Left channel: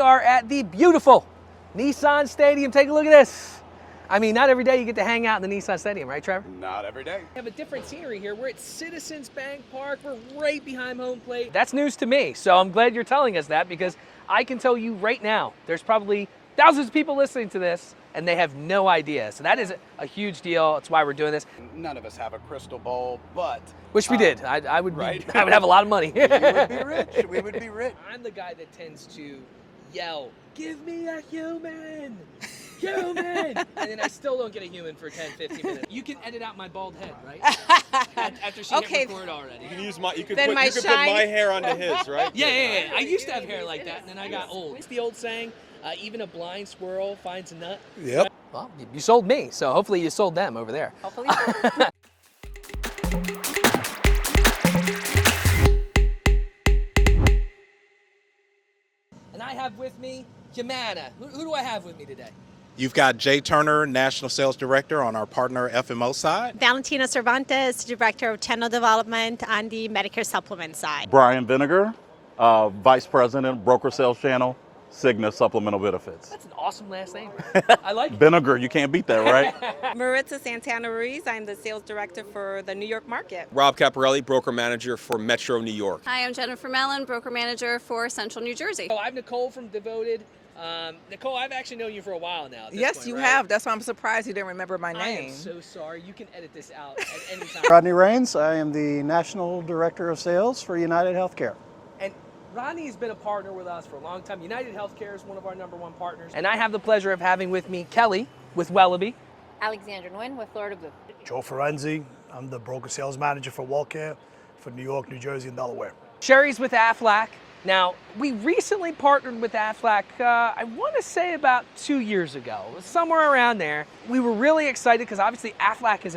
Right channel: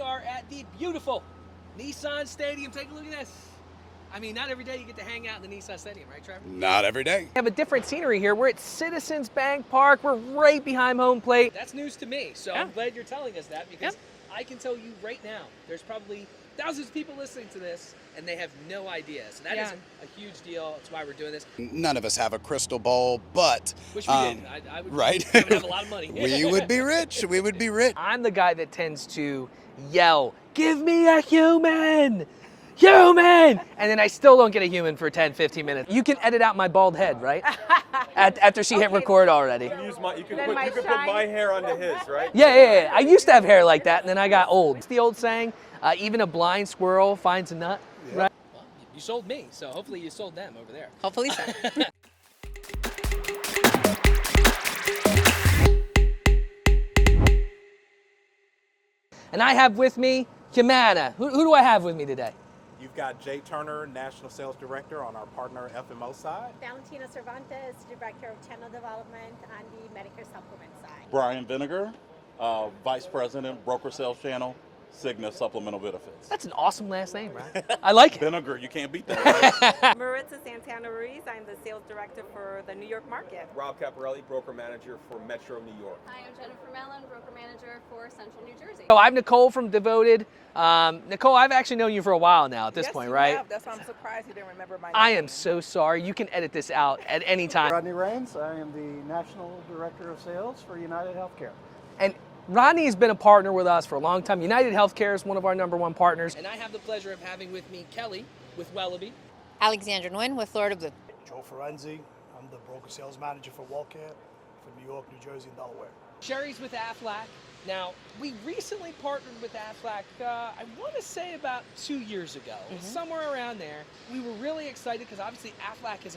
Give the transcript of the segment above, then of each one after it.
are at the beautiful Nissan Stadium. Take a look at this. I mean, not every day you get to hang out in the Nissan Stadium, right, Trevor? Not every day. We have a different scenery here. We're at Citizens Bank Park. We're right behind home plate. That's news to me, so I'm glad you're telling us that, because I can tell you right now, there's probably thousands of people listening to this and they have no idea. So that is a huge deal. That's why we're doing this. None of us have a crystal ball, but... Wish we did. I would, right? I would have a lot of money. We would be rich. We would be rich. I'm the guy that tends to yell, "Give me a human! Human!" And then I still don't get a human for 10, 15 minutes. You can edit out my bald head, right? After she hit record already. You can put my hair onto his, right? Yeah. I used to have hair like that, and then I got old. It's the old saying, even a blind squirrel finds a nut. Yep. Well, you sold me, so hopefully you sold them over there. Hopefully. And I have with me Humana. Who do I have with me today? You've got Jay Turner, National Sales Director on our partner FMO side. Valentina Cervantes, Director of Channel Development on the Medicare Supplement side. Brian Vinegar, Vice President, Broker Sales Channel, Cigna Supplemental Benefits. That's an awesome last name, right? I like it. Vinegar, you can't beat that, right? Maritza Santana Ruiz, I'm the Sales Director for the New York market. Rob Caparelli, Broker Manager for Metro New York. Hi, I'm Jennifer Mellon, Broker Manager for Central New Jersey. So I'm Nicole from Devoted. Nicole, I've actually known you for a while now at this point, right? Yes, you have. That's why I'm surprised you didn't remember my name. I am so sorry. You can edit this out at any time. Rodney Rains, I am the National Director of Sales for United Healthcare. And Rodney has been a partner with us for a long time. United Healthcare is one of our #1 partners. And I have the pleasure of having with me Kelly with Wellaby. Alexandra Nguyen with Florida Blue. Joe Ferenzi, I'm the Broker Sales Manager for WellCare for New York, New Jersey, and Delaware. Sherry's with Aflac. Now, we recently partnered with Aflac, I want to say about 2 years ago, somewhere around there. We were really excited because obviously Aflac is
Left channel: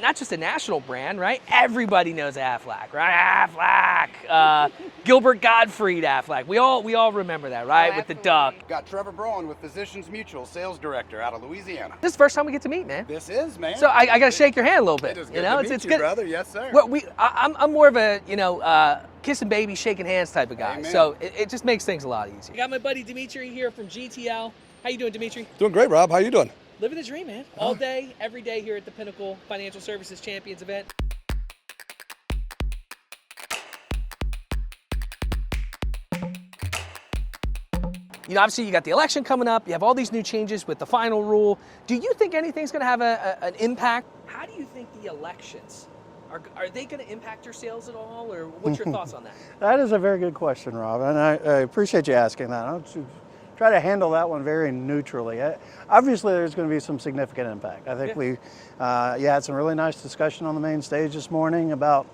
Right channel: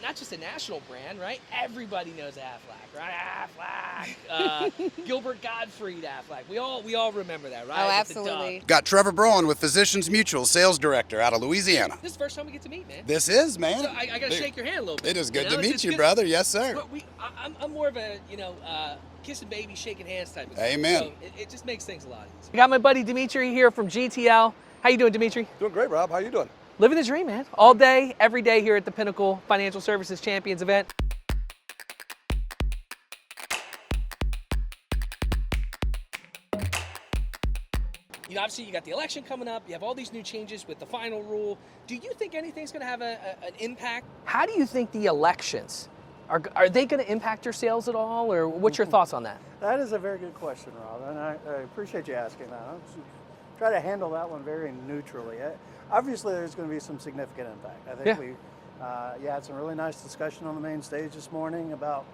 not just a national brand, right? Everybody knows Aflac, right? Aflac, Gilbert Gottfried Aflac. We all remember that, right? Oh, with the duck. Got Trevor Brown with Physicians Mutual, Sales Director out of Louisiana. This is the first time we get to meet, man. This is, man. So I got to shake your hand a little bit. It is good to meet you, brother. Yes, sir. Well, I'm more of a, kissing babies, shaking hands type of guy. Amen. So it just makes things a lot easier. I got my buddy Dimitri here from GTL. How you doing, Dimitri? Doing great, Rob. How you doing? Living the dream, man. All day, every day here at the Pinnacle Financial Services Champions event. You know, obviously you got the election coming up. You have all these new changes with the final rule. Do you think anything's going to have an impact? How do you think the elections are they going to impact your sales at all, or what's your thoughts on that? That is a very good question, Rob, and I appreciate you asking that. I'll try to handle that one very neutrally. Obviously, there's going to be some significant impact. I think we had some really nice discussion on the main stage this morning about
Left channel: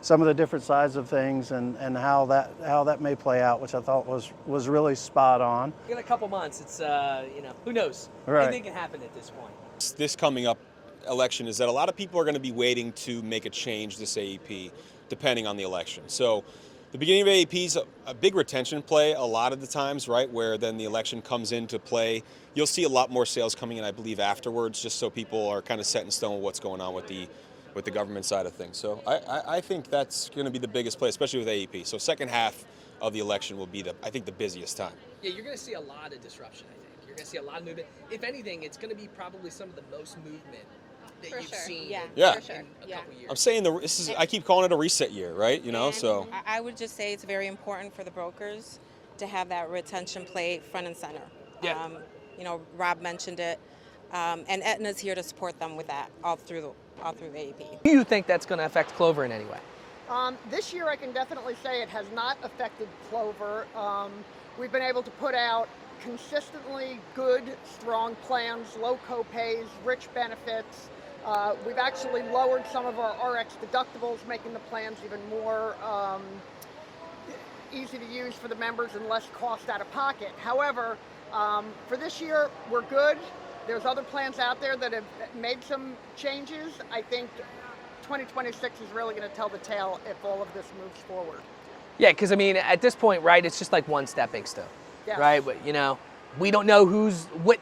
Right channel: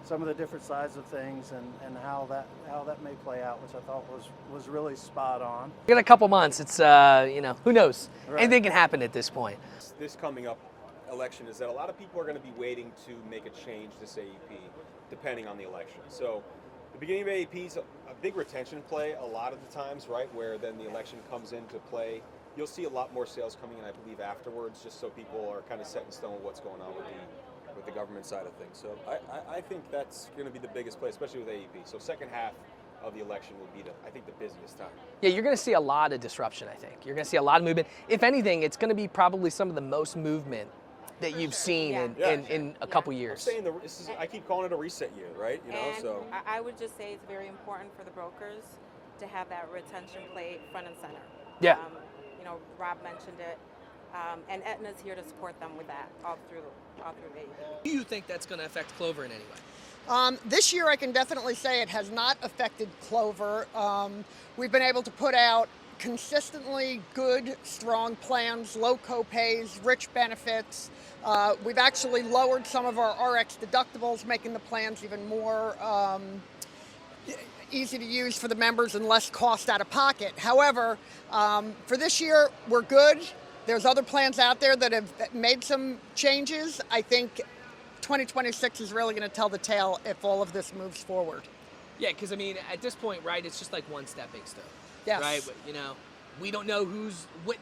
some of the different sides of things and how that may play out, which I thought was really spot on. We got a couple months. It's who knows? Right. Anything can happen at this point. This coming up election is that a lot of people are going to be waiting to make a change this AEP, depending on the election. So the beginning of AEP is a big retention play a lot of the times, right, where then the election comes into play. You'll see a lot more sales coming in, I believe, afterwards, just so people are kind of set in stone what's going on with the government side of things. So I think that's going to be the biggest play, especially with AEP. So second half of the election will be I think the busiest time. Yeah, you're going to see a lot of disruption, I think. You're going to see a lot of movement. If anything, it's going to be probably some of the most movement that you've seen in a couple years. I'm saying I keep calling it a reset year, right? So I would just say it's very important for the brokers to have that retention play front and center. Yeah. Rob mentioned it, and Aetna's here to support them with that all through AEP. Do you think that's going to affect Clover in any way? This year, I can definitely say it has not affected Clover. We've been able to put out consistently good, strong plans, low copays, rich benefits. We've actually lowered some of our RX deductibles, making the plans even more easy to use for the members and less cost out of pocket. However, for this year, we're good. There's other plans out there that have made some changes. I think 2026 is really going to tell the tale if all of this moves forward. Yeah, because at this point, right, it's just like one stepping stone. Yes. Right? But, we don't know what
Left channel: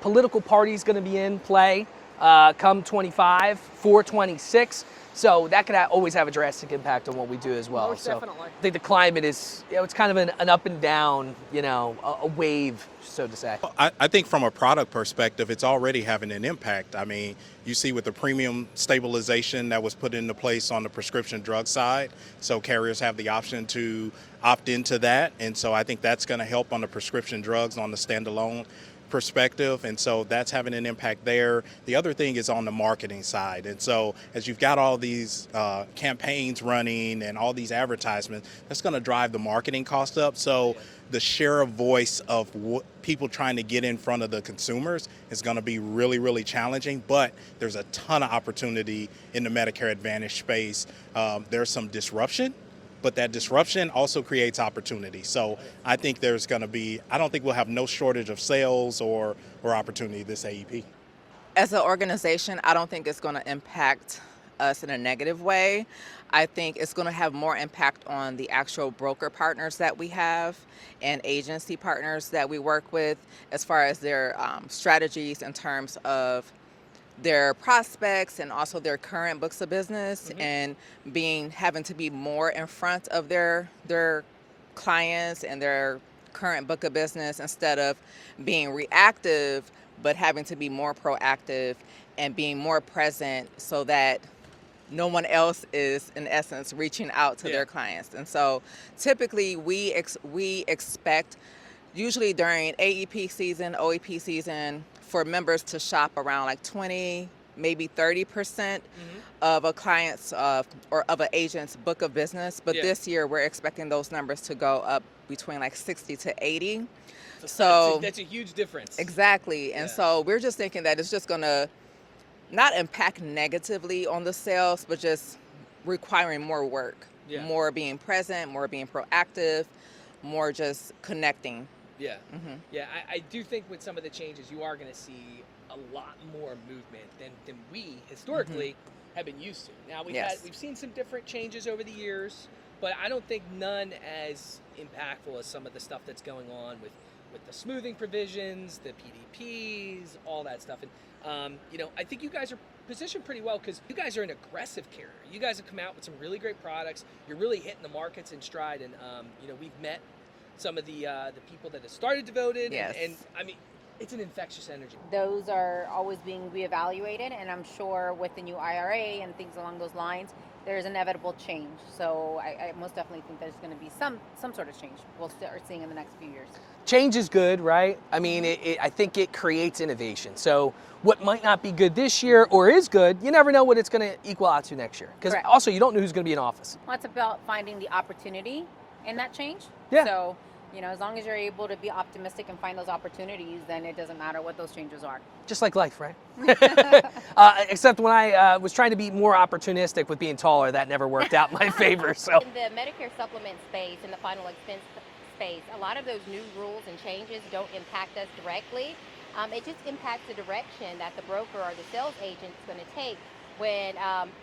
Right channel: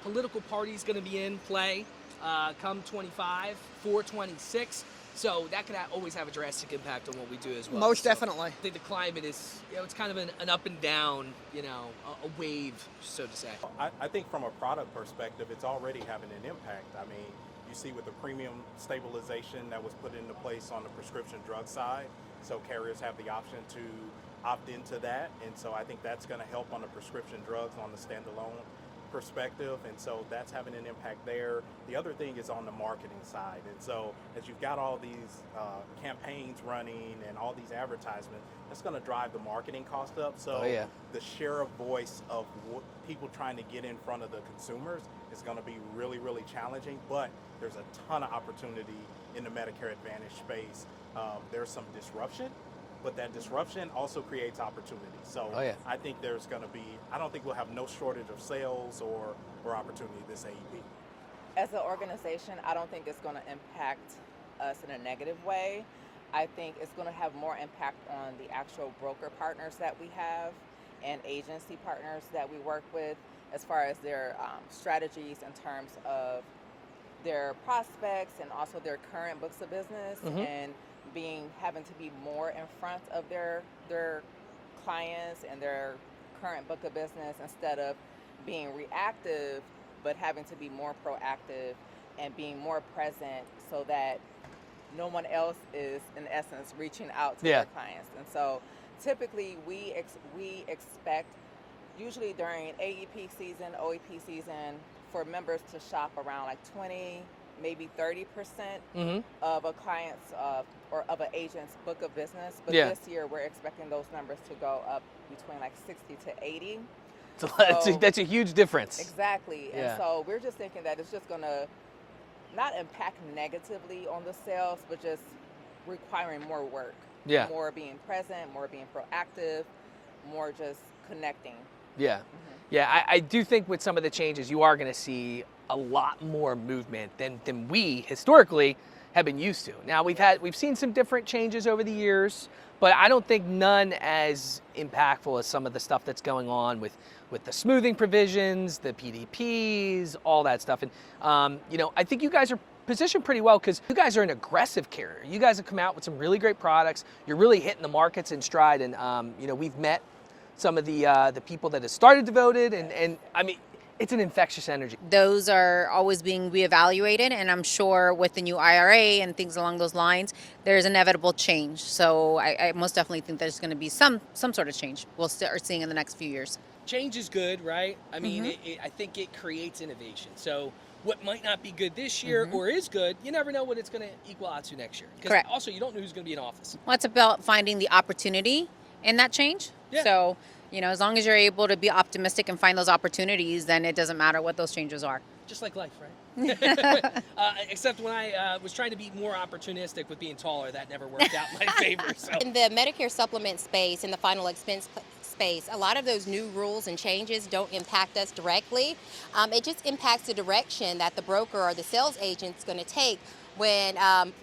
political party's going to be in play come 25, 426. So that could always have a drastic impact on what we do as well. Most definitely. I think the climate is, it's kind of an up and down, a wave, so to say. I think from a product perspective, it's already having an impact. I mean, you see with the premium stabilization that was put into place on the prescription drug side, so carriers have the option to opt into that. And so I think that's going to help on the prescription drugs on the standalone perspective, and so that's having an impact there. The other thing is on the marketing side, and so as you've got all these campaigns running and all these advertisements, that's going to drive the marketing cost up. So the share of voice of people trying to get in front of the consumers is going to be really, really challenging, but there's a ton of opportunity in the Medicare Advantage space. There's some disruption, but that disruption also creates opportunity. So I think there's going to be, I don't think we'll have no shortage of sales or opportunity this AEP. As an organization, I don't think it's going to impact us in a negative way. I think it's going to have more impact on the actual broker partners that we have and agency partners that we work with, as far as their strategies in terms of their prospects and also their current books of business, and having to be more in front of their clients and their current book of business, instead of being reactive, but having to be more proactive and being more present, so that no one else is, in essence, reaching out to their clients. And so typically we expect, usually during AEP season, OEP season, for members to shop around like 20, maybe 30% of a client's or of an agent's book of business. But this year we're expecting those numbers to go up between like 60 to 80. So that's a huge difference. Exactly. And so we're just thinking that it's just going to not impact negatively on the sales, but just requiring more work, more being present, more being proactive, more just connecting. I do think with some of the changes, you are going to see a lot more movement than we historically have been used to. Now we've seen some different changes over the years, but I don't think none as impactful as some of the stuff that's going on with the smoothing provisions, the PDPs, all that stuff. And I think you guys are positioned pretty well because you guys are an aggressive carrier. You guys have come out with some really great products. You're really hitting the markets in stride, and we've met some of the people that have started Devoted, and I mean, it's an infectious energy. Those are always being reevaluated, and I'm sure with the new IRA and things along those lines, there's inevitable change. So I most definitely think there's going to be some sort of change we'll start seeing in the next few years. Change is good, right? I mean, I think it creates innovation. So what might not be good this year or is good, you never know what it's going to equal out to next year. Because also, you don't know who's going to be in office. Well, it's about finding the opportunity in that change. So, as long as you're able to be optimistic and find those opportunities, then it doesn't matter what those changes are. Just like life, right? Except when I was trying to be more opportunistic with being taller, that never worked out in my favor. So in the Medicare supplement space and the final expense space, a lot of those new rules and changes don't impact us directly. It just impacts the direction that the broker or the sales agent is going to take when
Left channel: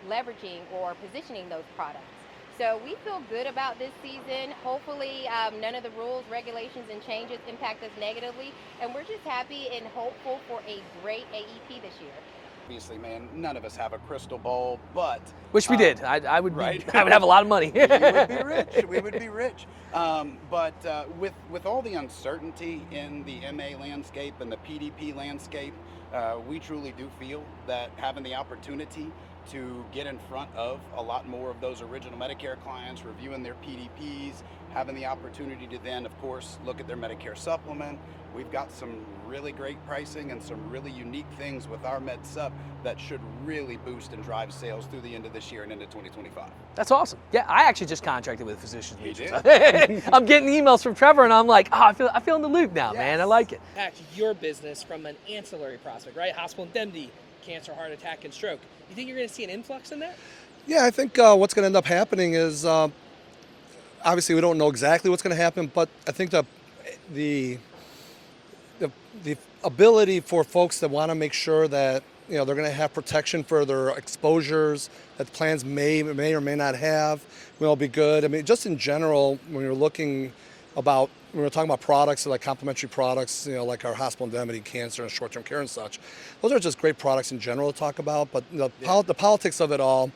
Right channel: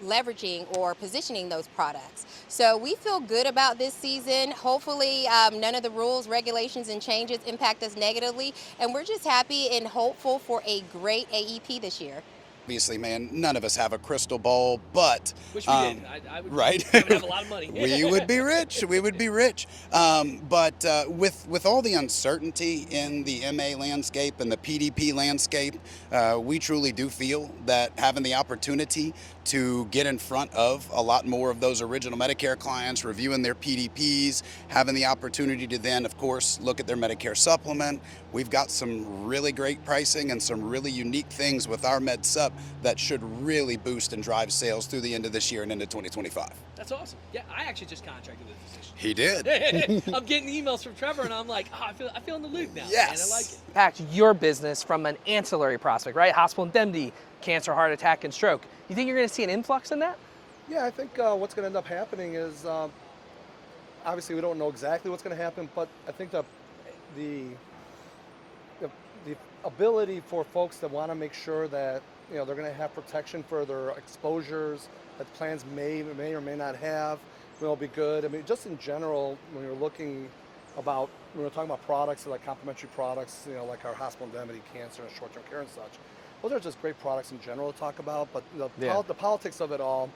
leveraging or positioning those products. So we feel good about this season. Hopefully none of the rules, regulations, and changes impact us negatively. And we're just happy and hopeful for a great AEP this year. Obviously, man, none of us have a crystal ball, but wish we did. I would. Right? I would have a lot of money. We would be rich. We would be rich. But with all the uncertainty in the MA landscape and the PDP landscape, we truly do feel that having the opportunity to get in front of a lot more of those original Medicare clients, reviewing their PDPs, having the opportunity to then, of course, look at their Medicare supplement. We've got some really great pricing and some really unique things with our Med Sup that should really boost and drive sales through the end of this year and into 2025. That's awesome. Yeah, I actually just contracted with a physician. He did. I'm getting emails from Trevor, and I'm like, I feel in the loop now, man. I like it. Back to your business from an ancillary prospect, right? Hospital indemnity, cancer, heart attack, and stroke. You think you're going to see an influx in that? Yeah, I think what's going to end up happening is, obviously we don't know exactly what's going to happen, but I think the ability for folks that want to make sure that they're going to have protection for their exposures that plans may or may not have will be good. I mean, just in general, when we're talking about products like complementary products, like our hospital indemnity, cancer, and short-term care and such, those are just great products in general to talk about. But the politics of it all,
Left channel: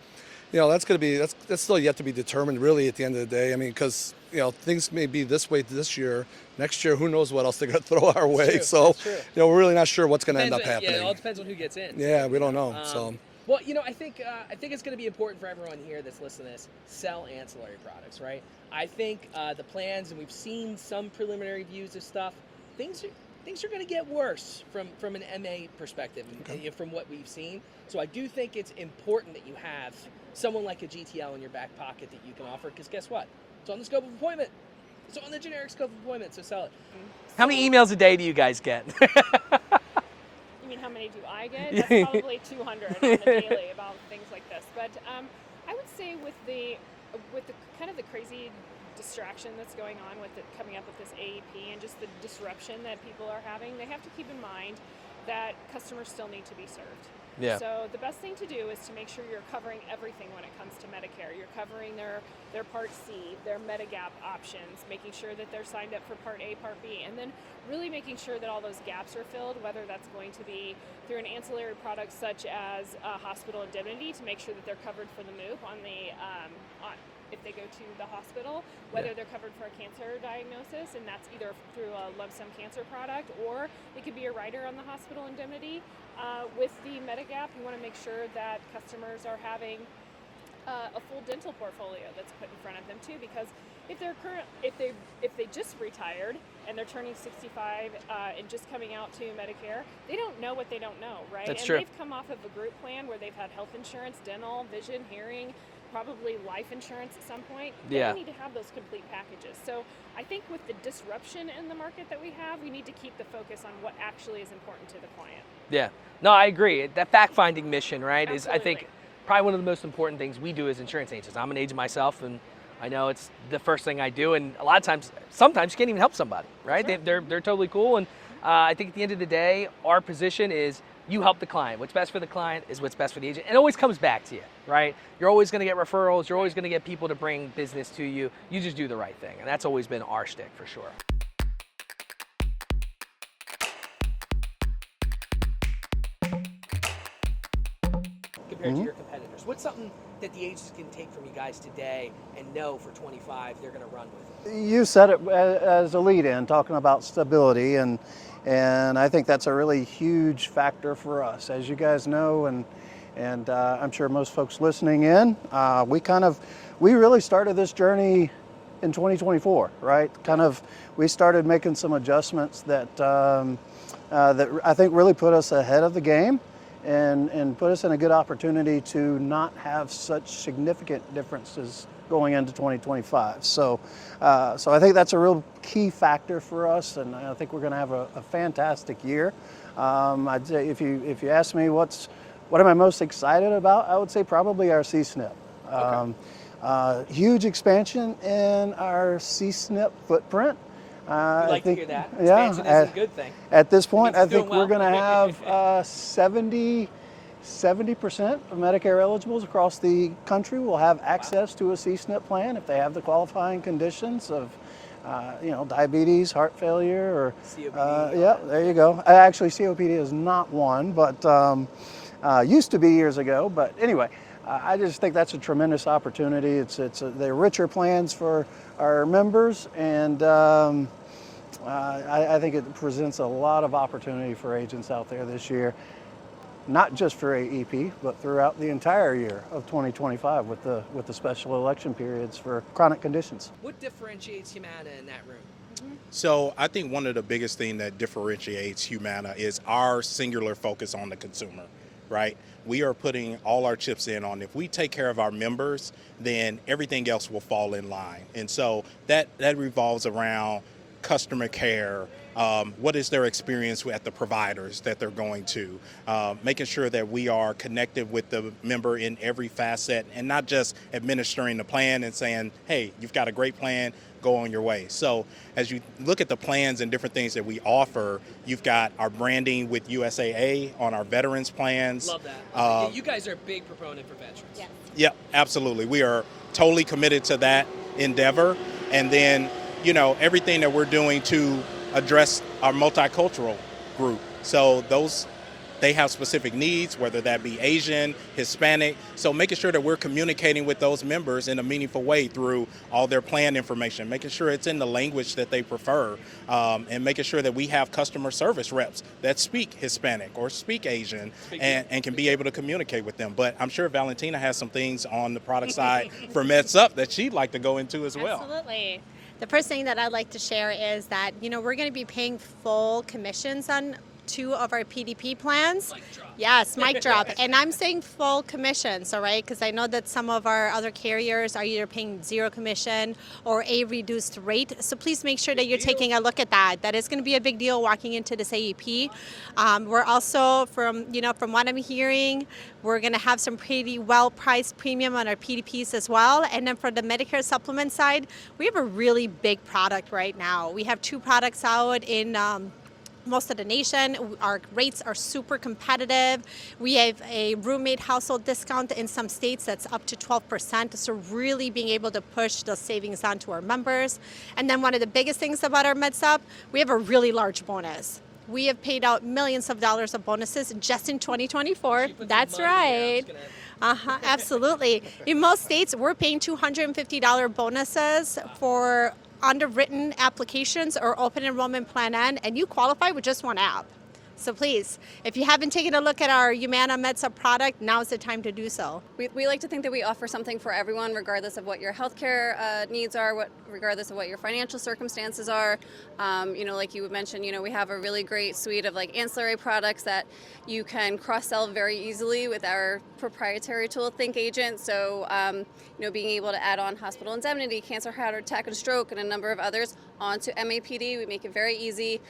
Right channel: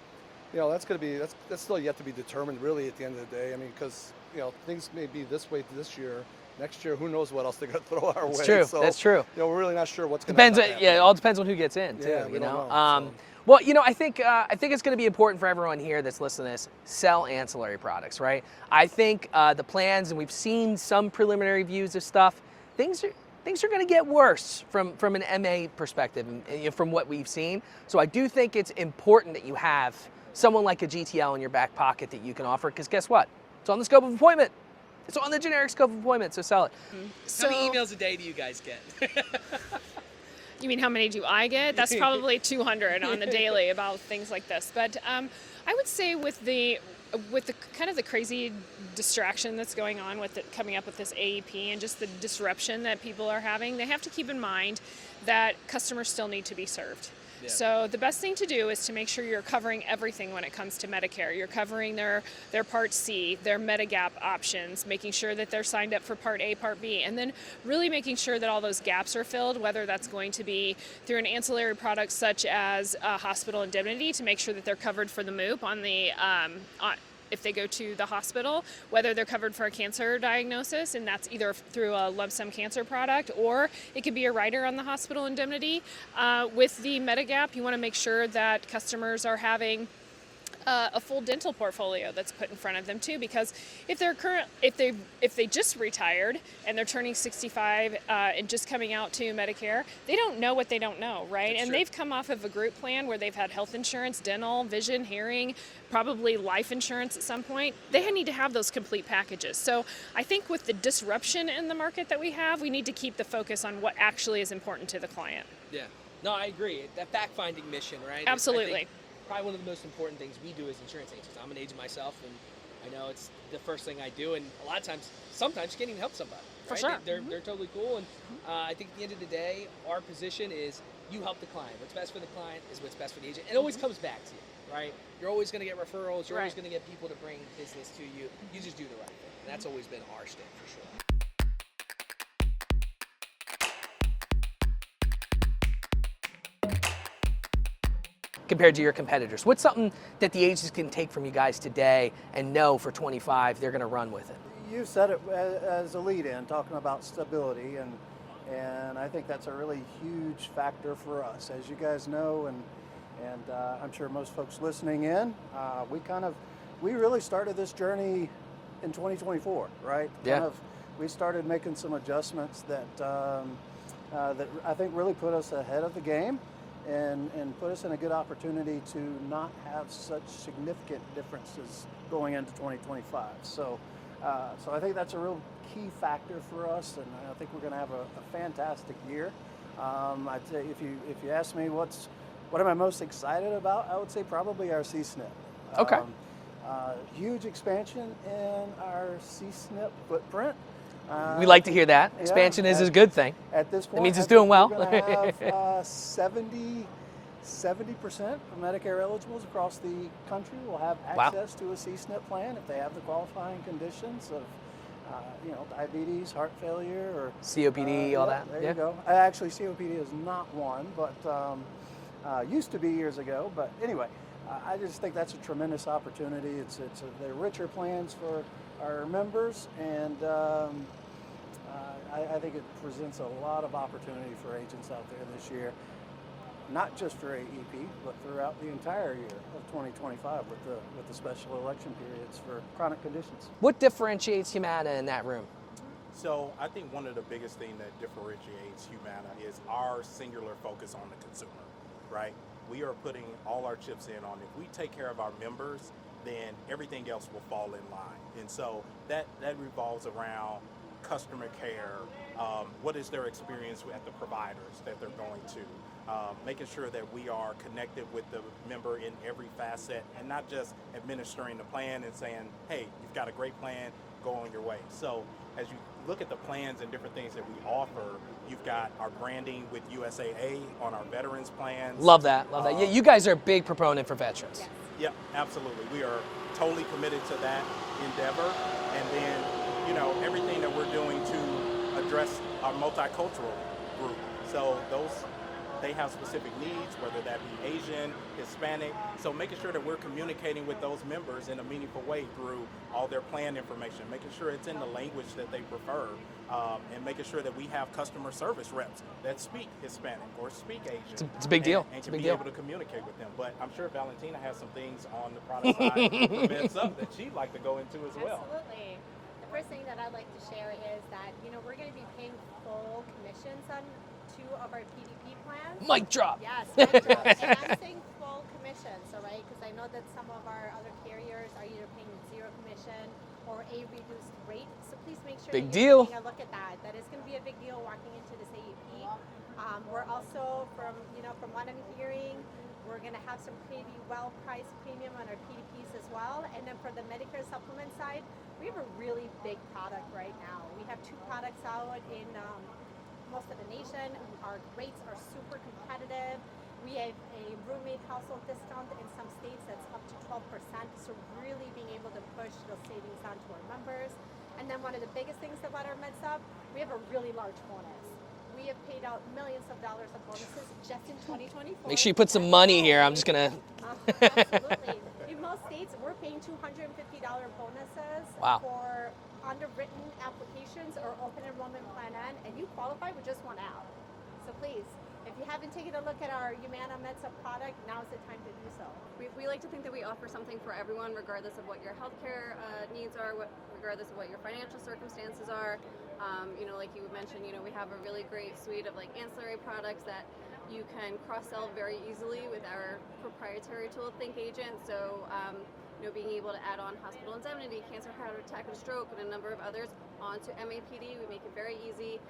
that's going to be that's still yet to be determined, really, at the end of the day. I mean, because things may be this way this year. Next year, who knows what else they're going to throw our way. That's true. So, That's true. We're really not sure what's going to end up happening. Yeah, it all depends on who gets in. Yeah, we don't know. Well, I think it's going to be important for everyone here that's listening to this, sell ancillary products, right? I think the plans, and we've seen some preliminary views of stuff, things are going to get worse from an MA perspective and from what we've seen. So I do think it's important that you have someone like a GTL in your back pocket that you can offer, because guess what? It's on the scope of employment. It's on the generic scope of employment, so sell it. How many emails a day do you guys get? You mean how many do I get? That's probably 200 on the daily about things like this. But I would say with the kind of the crazy distraction that's going on with it coming up with this AEP and just the disruption that people are having, they have to keep in mind that customers still need to be served. Yeah. So the best thing to do is to make sure you're covering everything when it comes to Medicare. You're covering their Part C, their Medigap options, making sure that they're signed up for Part A, Part B, and then really making sure that all those gaps are filled, whether that's going to be through an ancillary product such as hospital indemnity to make sure that they're covered for the MOOP on the if they go to the hospital, whether they're covered for a cancer diagnosis, and that's either through a lump sum cancer product, or it could be a rider on the hospital indemnity. With the Medigap, you want to make sure that customers are having a full dental portfolio that's put in front of them too, because if they just retired and they're turning 65 and just coming out to Medicare, they don't know what they don't know, right? That's and true. They've come off of a group plan where they've had health insurance, dental, vision, hearing, probably life insurance at some point. They need to have those complete packages. So I think with the disruption in the market that we have, we need to keep the focus on what actually is important to the client. Yeah. No, I agree. That fact-finding mission, right? Absolutely. Is, I think, probably one of the most important things we do as insurance agents. I'm an agent myself, and I know it's the first thing I do, and a lot of times, sometimes you can't even help somebody, right? Sure. They're totally cool, and I think at the end of the day, our position is you help the client. What's best for the client is what's best for the agent. It always comes back to you, right? You're always going to get referrals. You're always going to get people to bring business to you. You just do the right thing, and that's always been our shtick for sure. Compared to your competitors, what's something that the agents can take from you guys today and know for 25 they're going to run with it? You said it as a lead-in, talking about stability, and I think that's a really huge factor for us. As you guys know, and I'm sure most folks listening in, we really started this journey in 2024, right? We started making some adjustments that that I think really put us ahead of the game. And put us in a good opportunity to not have such significant differences going into 2025. So I think that's a real key factor for us, and I think we're going to have a fantastic year. I'd say if you ask me what am I most excited about, I would say probably our C-SNP. Okay. Huge expansion in our C-SNP footprint. We like to hear that. Expansion is a good thing. At this point, I think doing well. We're going to have 70% of Medicare eligibles across the country will have access to a C-SNP plan if they have the qualifying conditions of, diabetes, heart failure, or COPD. There you go. Actually, COPD is not one, but used to be years ago. But anyway, I just think that's a tremendous opportunity. They're richer plans for our members, and I think it presents a lot of opportunity for agents out there this year, not just for AEP, but throughout the entire year of 2025 with the special election periods for chronic conditions. What differentiates Humana in that room? So I think one of the biggest things that differentiates Humana is our singular focus on the consumer, right? We are putting all our chips in on if we take care of our members, then everything else will fall in line. And so that revolves around customer care, what is their experience at the providers that they're going to, making sure that we are connected with the member in every facet and not just administering the plan and saying, hey, you've got a great plan, go on your way. So as you look at the plans and different things that we offer, you've got our branding with USAA on our veterans plans. Love that. You guys are a big proponent for veterans. Yeah. Yep, absolutely. We are totally committed to that endeavor. And then, everything that we're doing to address our multicultural group. So they have specific needs, whether that be Asian, Hispanic. So making sure that we're communicating with those members in a meaningful way through all their plan information, making sure it's in the language that they prefer, and making sure that we have customer service reps that speak Hispanic or speak Asian It's a big deal. and can Big be deal. able to communicate with them. But I'm sure Valentina has some things on the product side for MedSup that she'd like to go into as well. Absolutely. The first thing that I'd like to share is that, we're going to be paying full commissions on 2 of our PDP plans. Mic drop. Yes, mic drop. And I'm saying full commissions, all right? Because I know that some of our other carriers are either paying 0 commission or a reduced rate. So please make sure that you're deal. taking a look at that. That is going to be a big deal walking into this AEP. We're also, from what I'm hearing, we're going to have some pretty well-priced premium on our PDPs as well. And then for the Medicare supplement side, we have a really big product right now. We have 2 products out in most of the nation. Our rates are super competitive. We have a roommate household discount in some states that's up to 12%. So really being able to push those savings onto our members. And then one of the biggest things about our MedSup, we have a really large bonus. We have paid out millions of dollars of bonuses just in 2024. Make sure you put some That's money in right. here. I'm just going to... Absolutely. In most states, we're paying $250 bonuses for underwritten applications or open enrollment plan N, and you qualify with just 1 app. So please, if you haven't taken a look at our Humana MedSup product, now's the time to do so. We like to think that we offer something for everyone, regardless of what your healthcare needs are, regardless of what your financial circumstances are. Like you mentioned, we have a really great suite of ancillary products that you can cross-sell very easily with our proprietary tool, Think Agent. So, being able to add on hospital indemnity, cancer, heart attack, and stroke, and a number of others onto MAPD, we make it very easy.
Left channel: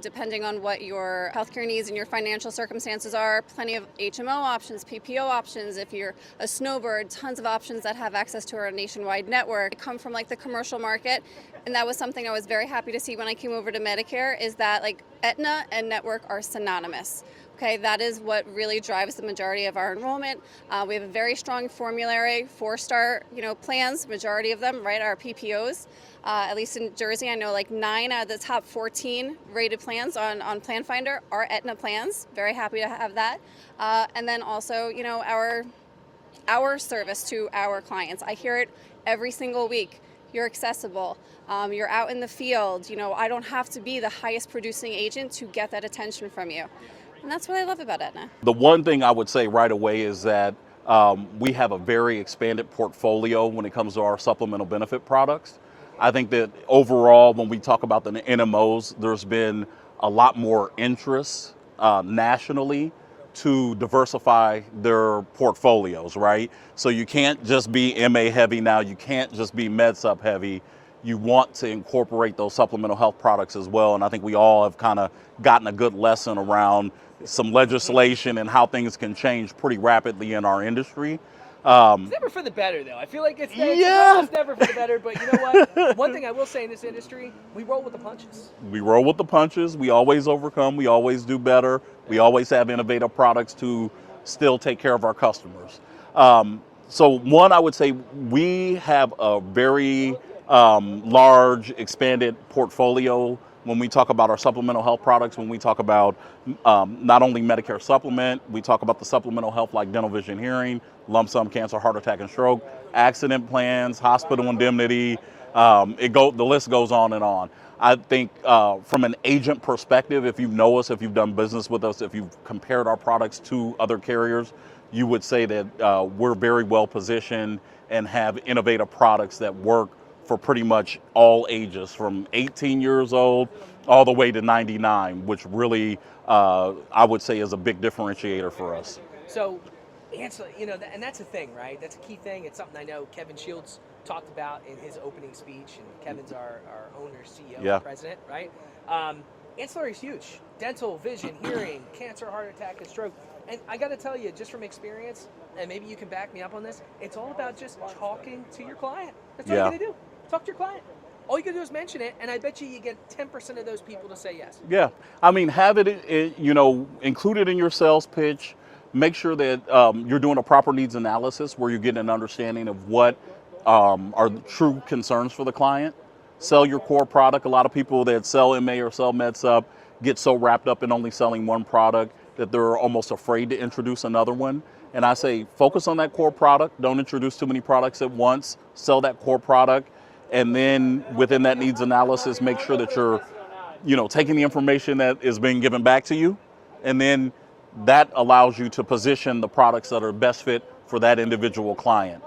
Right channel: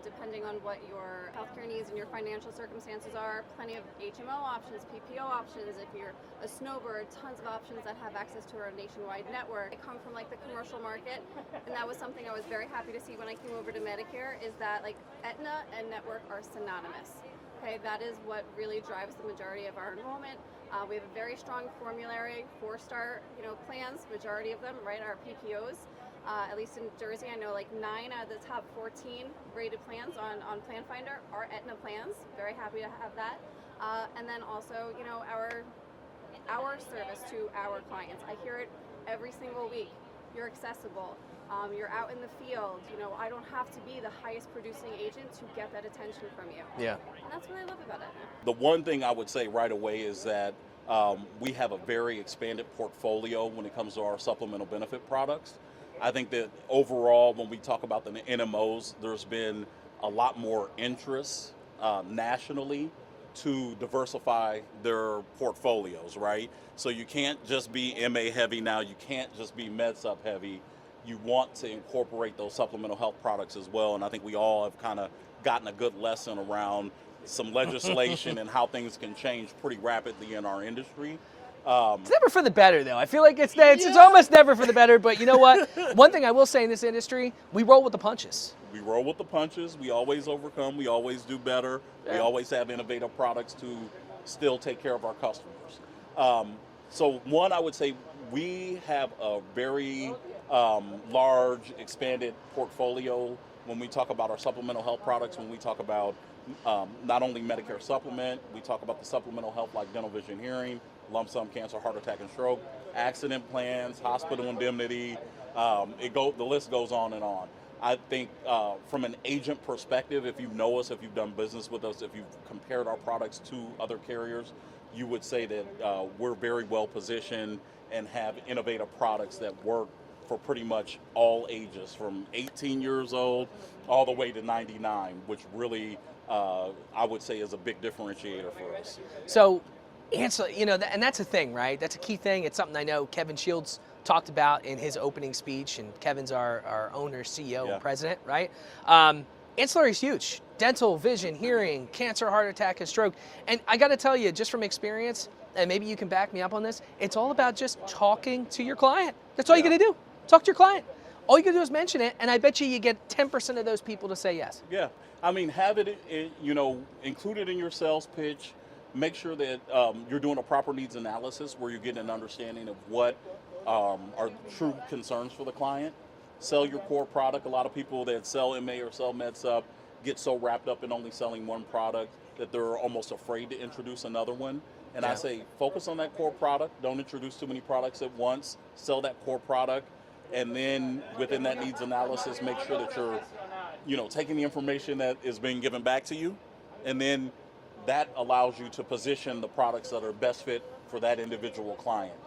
Depending on what your healthcare needs and your financial circumstances are, plenty of HMO options, PPO options. If you're a snowbird, tons of options that have access to our nationwide network. They come from the commercial market, and that was something I was very happy to see when I came over to Medicare, is that Aetna and network are synonymous. Okay, that is what really drives the majority of our enrollment. We have a very strong formulary, 4-star, plans, majority of them, right, are PPOs. At least in Jersey, I know 9 out of the top 14 rated plans on Plan Finder are Aetna plans. Very happy to have that. And then also, our service to our clients. I hear it every single week. You're accessible. You're out in the field. I don't have to be the highest producing agent to get that attention from you. Yeah. And that's what I love about Aetna. The one thing I would say right away is that we have a very expanded portfolio when it comes to our supplemental benefit products. I think that overall, when we talk about the NMOs, there's been a lot more interest nationally to diversify their portfolios, right? So you can't just be MA heavy now, you can't just be MedSup heavy. You want to incorporate those supplemental health products as well. And I think we all have kind of gotten a good lesson around some legislation and how things can change pretty rapidly in our industry. It's never for the better, though. I feel like it's almost never for the better. But you know what? One thing I will say in this industry, we roll with the punches. We roll with the punches. We always overcome. We always do better. We always have innovative products to still take care of our customers. So one, I would say we have a very large, expanded portfolio when we talk about our supplemental health products, when we talk about not only Medicare supplement, we talk about the supplemental health like dental, vision, hearing, lump sum cancer, heart attack, and stroke, accident plans, hospital indemnity, the list goes on and on. I think from an agent perspective, if you know us, if you've done business with us, if you've compared our products to other carriers, you would say that we're very well positioned and have innovative products that work for pretty much all ages, from 18 years old all the way to 99, which really, I would say, is a big differentiator for us. So, and that's a thing, right? That's a key thing. It's something I know Kevin Shields talked about in his opening speech, and Kevin's our owner, CEO, and president, right? Ancillary is huge. Dental, vision, hearing, cancer, heart attack, and stroke. And I got to tell you, just from experience, and maybe you can back me up on this, it's all about just talking to your client. That's all you got to do. Talk to your client. All you got to do is mention it, and I bet you get 10% of those people to say yes. Yeah. I mean, have it included in your sales pitch. Make sure that you're doing a proper needs analysis where you're getting an understanding of what are the true concerns for the client. Sell your core product. A lot of people that sell MA or sell MedSup get so wrapped up in only selling one product that they're almost afraid to introduce another one. And I say, focus on that core product. Don't introduce too many products at once. Sell that core product. And then within that needs analysis, make sure that you're, taking the information that is being given back to you. And then that allows you to position the products that are best fit for that individual client.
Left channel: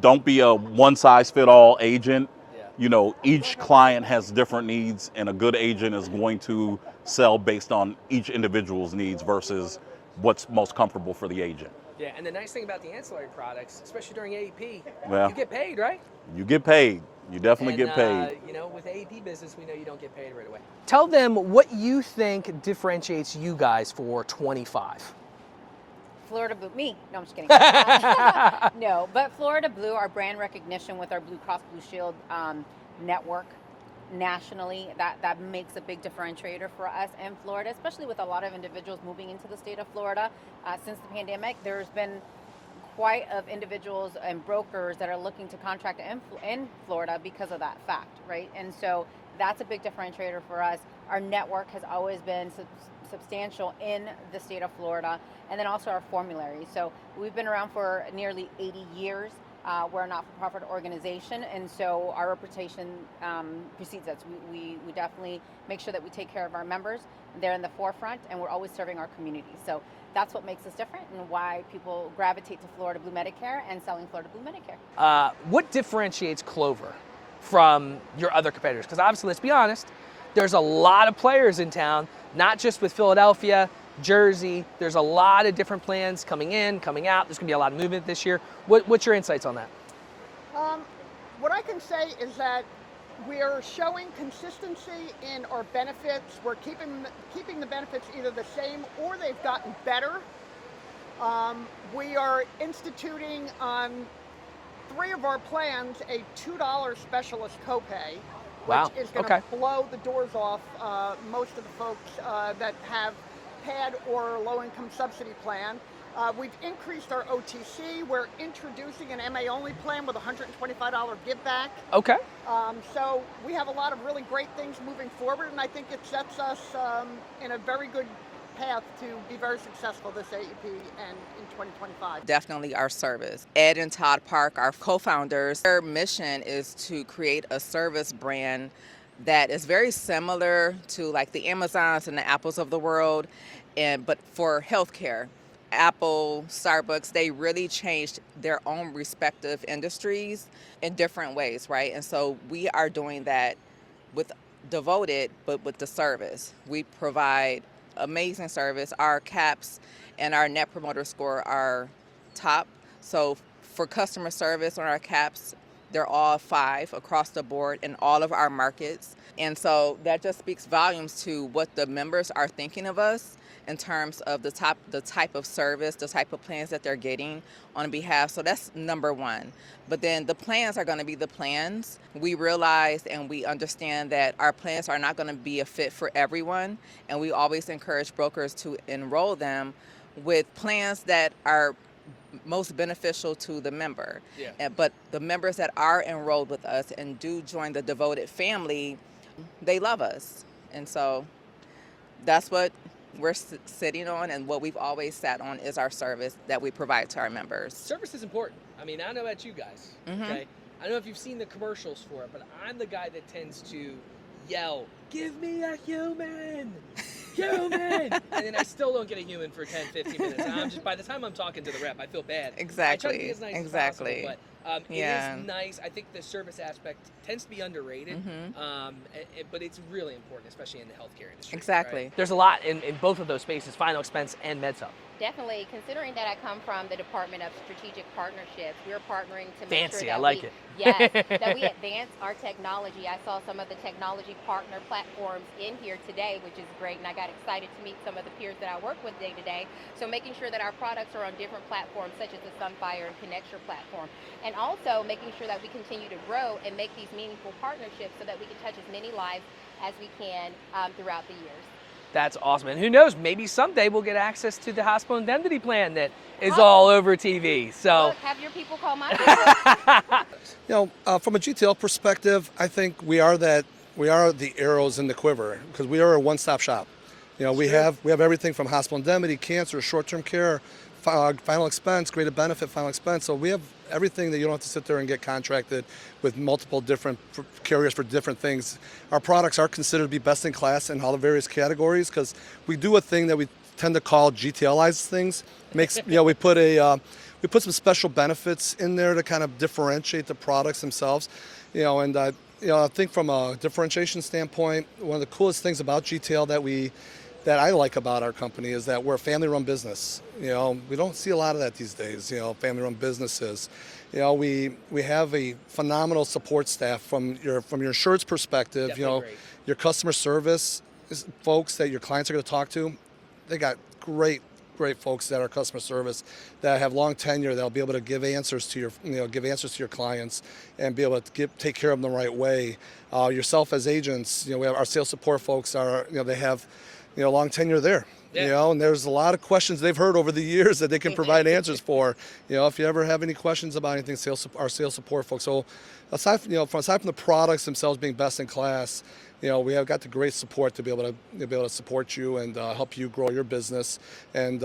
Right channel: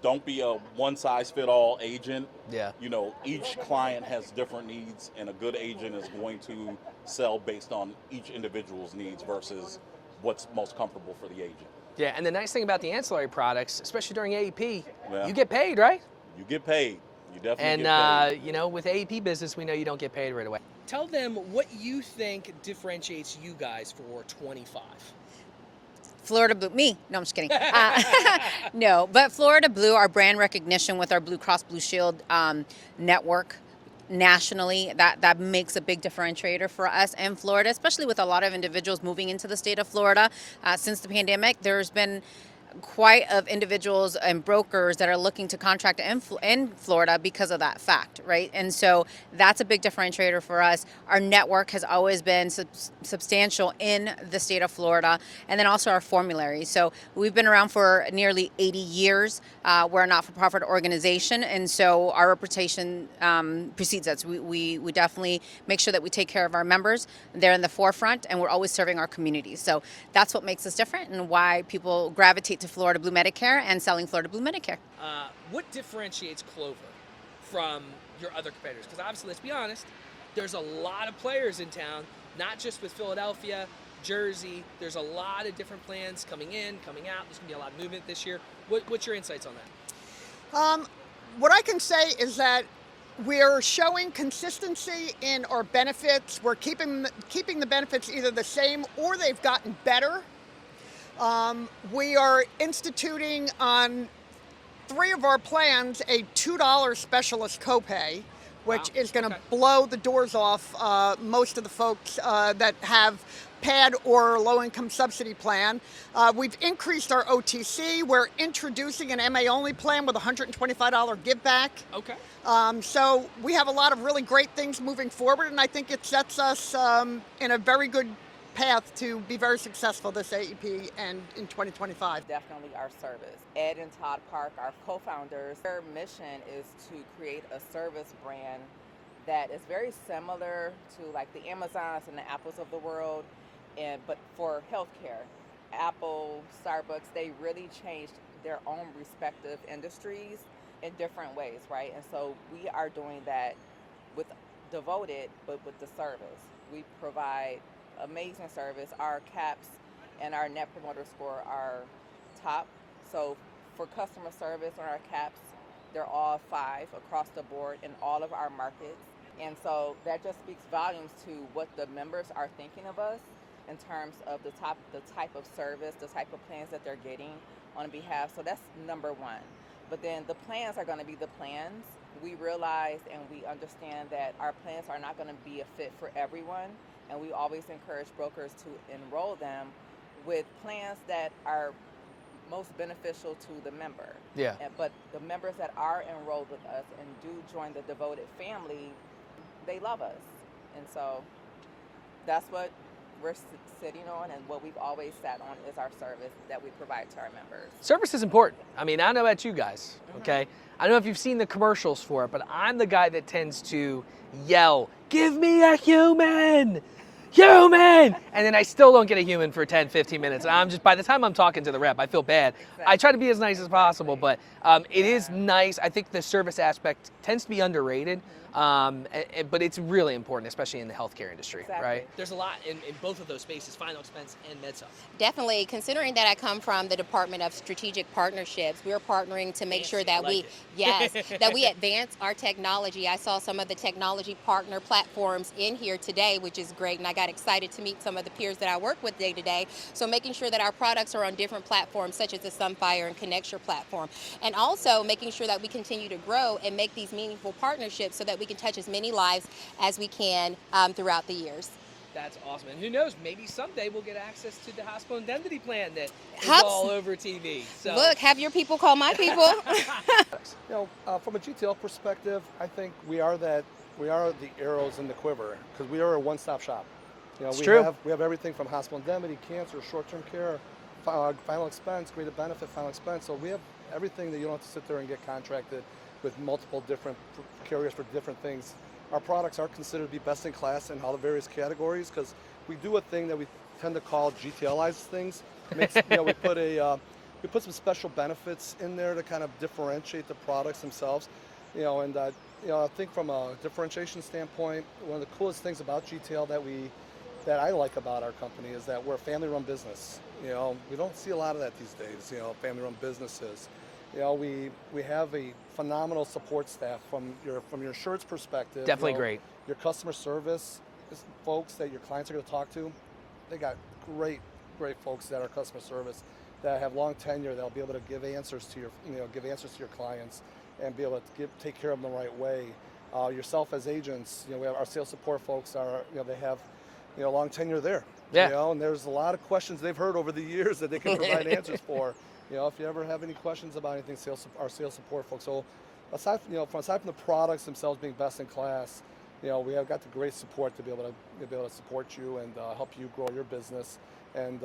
Don't be a one-size-fit-all agent. Yeah. Each client has different needs, and a good agent is going to sell based on each individual's needs versus what's most comfortable for the agent. Yeah, and the nice thing about the ancillary products, especially during AEP, Yeah. you get paid, right? You get paid. You definitely get paid. With AEP business, we know you don't get paid right away. Tell them what you think differentiates you guys for 25. Florida Blue, me? No, I'm just kidding. No, but Florida Blue, our brand recognition with our Blue Cross Blue Shield network nationally, that makes a big differentiator for us in Florida, especially with a lot of individuals moving into the state of Florida. Since the pandemic, there's been quite of individuals and brokers that are looking to contract in Florida because of that fact, right? And so that's a big differentiator for us. Our network has always been substantial in the state of Florida, and then also our formulary. So we've been around for nearly 80 years. We're a not-for-profit organization, and so our reputation precedes us. We definitely make sure that we take care of our members. They're in the forefront, and we're always serving our communities. So that's what makes us different and why people gravitate to Florida Blue Medicare and selling Florida Blue Medicare. What differentiates Clover from your other competitors? Because obviously, let's be honest, there's a lot of players in town, not just with Philadelphia, Jersey. There's a lot of different plans coming in, coming out. There's going to be a lot of movement this year. What's your insights on that? What I can say is that we're showing consistency in our benefits. We're keeping the benefits either the same or they've gotten better. We are instituting on 3 of our plans a $2 specialist copay, which Wow. is going Okay. to blow the doors off most of the folks that have PAD or low-income subsidy plan. We've increased our OTC. We're introducing an MA-only plan with a $125 give back. Okay. So we have a lot of really great things moving forward, and I think it sets us in a very good path to be very successful this AEP and in 2025. Definitely our service. Ed and Todd Park, our co-founders, their mission is to create a service brand that is very similar to like the Amazons and the Apples of the world, but for healthcare. Apple, Starbucks, they really changed their own respective industries in different ways, right? And so we are doing that with Devoted, but with the service. We provide amazing service. Our caps and our net promoter score are top. So for customer service on our caps, they're all 5 across the board in all of our markets. And so that just speaks volumes to what the members are thinking of us in terms of the type of service, the type of plans that they're getting on behalf. So that's number one. But then the plans are going to be the plans. We realize and we understand that our plans are not going to be a fit for everyone. And we always encourage brokers to enroll them with plans that are most beneficial to the member. Yeah. But the members that are enrolled with us and do join the Devoted family, they love us. And so that's what we're sitting on, and what we've always sat on is our service that we provide to our members. Service is important. I mean, I don't know about you guys, okay? I don't know if you've seen the commercials for it, but I'm the guy that tends to yell, "Give me a human! Human!" And then I still don't get a human for 10, 15 minutes. I'm just, by the time I'm talking to the rep, I feel bad. Exactly. I try to be as nice as possible, but it is Yeah. nice. I think the service aspect tends to be underrated, but it's really important, especially in the healthcare industry. Exactly. Right? There's a lot in both of those spaces, final expense and MedSup. Definitely, considering that I come from the Department of Strategic Partnerships, we're partnering to make sure Fancy, that I like it. that we advance our technology. I saw some of the technology partner platforms in here today, which is great, and I got excited to meet some of the peers that I work with day to day. So making sure that our products are on different platforms, such as the Sunfire and Connecture platform, and also making sure that we continue to grow and make these meaningful partnerships so that we can touch as many lives as we can throughout the years. That's awesome. And who knows, maybe someday we'll get access to the hospital indemnity plan that is all over TV. So Look, have your people call my people. From a GTL perspective, I think we are the arrows in the quiver because we are a one-stop shop. You know, It's we true. have everything from hospital indemnity, cancer, short-term care, final expense, graded benefit, final expense. So we have everything that you don't have to sit there and get contracted with multiple different carriers for different things. Our products are considered to be best in class in all the various categories because we do a thing that we tend to call GTLize things. Makes we put some special benefits in there to kind of differentiate the products themselves. And I think from a differentiation standpoint, one of the coolest things about GTL that I like about our company is that we're a family-run business. We don't see a lot of that these days. Family-run businesses. We have a phenomenal support staff from your insurance perspective. Definitely great. Your customer service folks that your clients are going to talk to, they got great folks that are customer service that have long tenure that'll be able to give answers to your clients and be able to take care of them the right way. Yourself as agents, we have our sales support folks they have long tenure there. Yeah. And there's a lot of questions they've heard over the years that they can provide answers for. If you ever have any questions about anything, our sales support folks. So aside from the products themselves being best in class, we have got the great support to be able to support you and help you grow your business and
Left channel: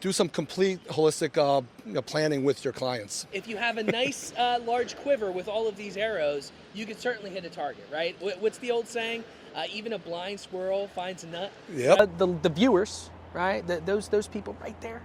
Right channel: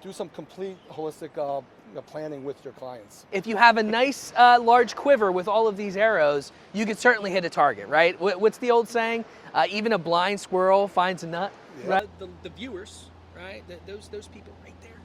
do some complete holistic planning with your clients. If you have a nice large quiver with all of these arrows, you can certainly hit a target, right? What's the old saying? Even a blind squirrel finds a nut. Yep. The viewers, right? Those people right there.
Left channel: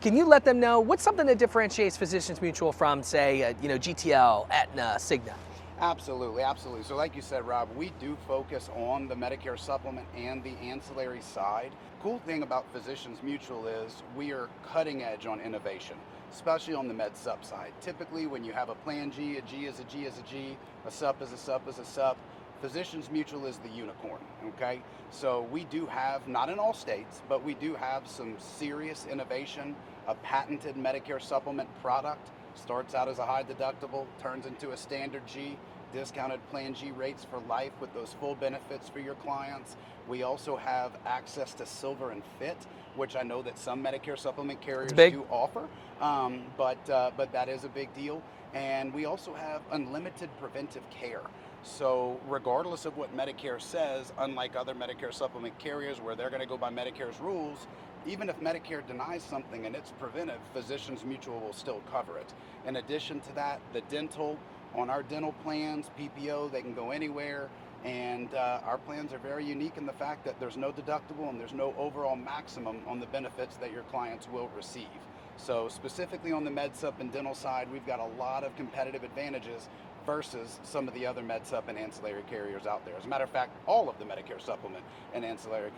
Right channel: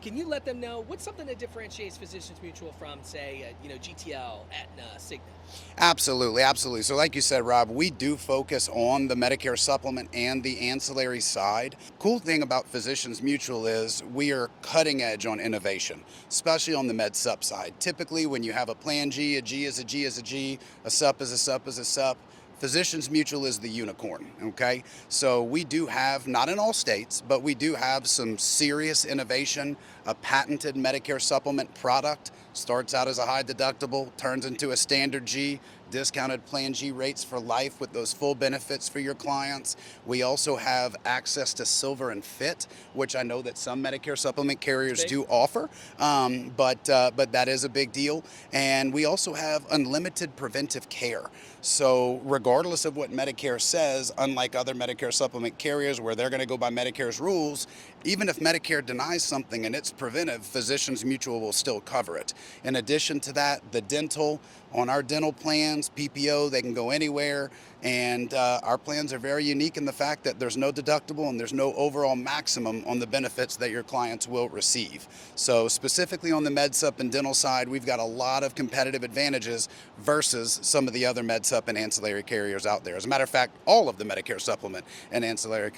Can you let them know what's something that differentiates Physicians Mutual from, say, GTL, Aetna, Cigna? Absolutely, absolutely. So like you said, Rob, we do focus on the Medicare supplement and the ancillary side. Cool thing about Physicians Mutual is we are cutting edge on innovation, especially on the med sup side. Typically when you have a plan G, a G is a G is a G, a sup is a sup is a sup, Physicians Mutual is the unicorn, okay? So we do have, not in all states, but we do have some serious innovation. A patented Medicare supplement product starts out as a high deductible, turns into a standard G, discounted plan G rates for life with those full benefits for your clients. We also have access to Silver and Fit, which I know that some Medicare supplement carriers do offer, but that is a big deal. And we also have unlimited preventive care. So regardless of what Medicare says, unlike other Medicare supplement carriers where they're going to go by Medicare's rules, even if Medicare denies something and it's preventive, Physicians Mutual will still cover it. In addition to that, the dental, on our dental plans, PPO, they can go anywhere. And our plans are very unique in the fact that there's no deductible and there's no overall maximum on the benefits that your clients will receive. So specifically on the MedSup and dental side, we've got a lot of competitive advantages versus some of the other MedSup and ancillary carriers out there. As a matter of fact, all of the Medicare supplement and ancillary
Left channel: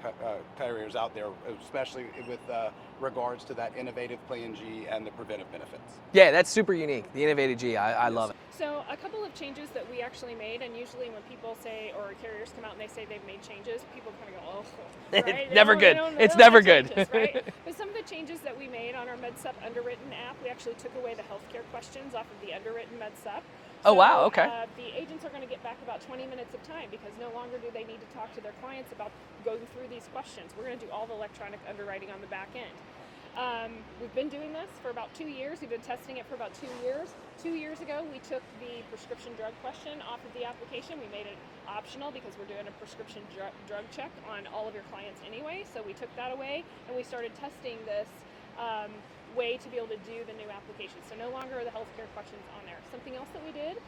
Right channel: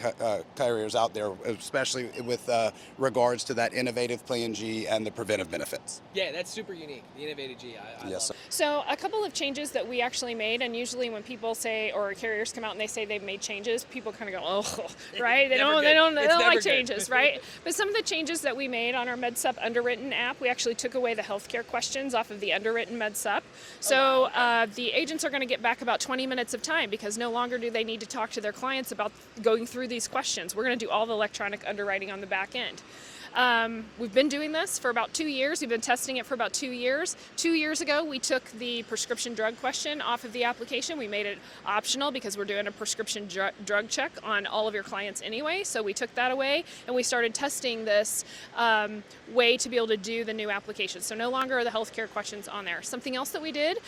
carriers out there, especially with regards to that innovative Plan G and the preventive benefits. Yeah, that's super unique. The innovative G, I love it. So a couple of changes that we actually made, and usually when people say, or carriers come out and they say they've made changes, people kind of go, oh, right? It's never good. It's never good. Changes, right? But some of the changes that we made on our MedSup Underwritten app, we actually took away the healthcare questions off of the Underwritten MedSup. So oh, wow, okay. The agents are going to get back about 20 minutes of time because no longer do they need to talk to their clients about going through these questions. We're going to do all the electronic underwriting on the back end. We've been doing this for about 2 years. We've been testing it for about 2 years. 2 years ago, we took the prescription drug question off of the application. We made it optional because we're doing a prescription drug check on all of your clients anyway. So we took that away and we started testing this way to be able to do the new application. So no longer are the healthcare questions on there. Something else that we did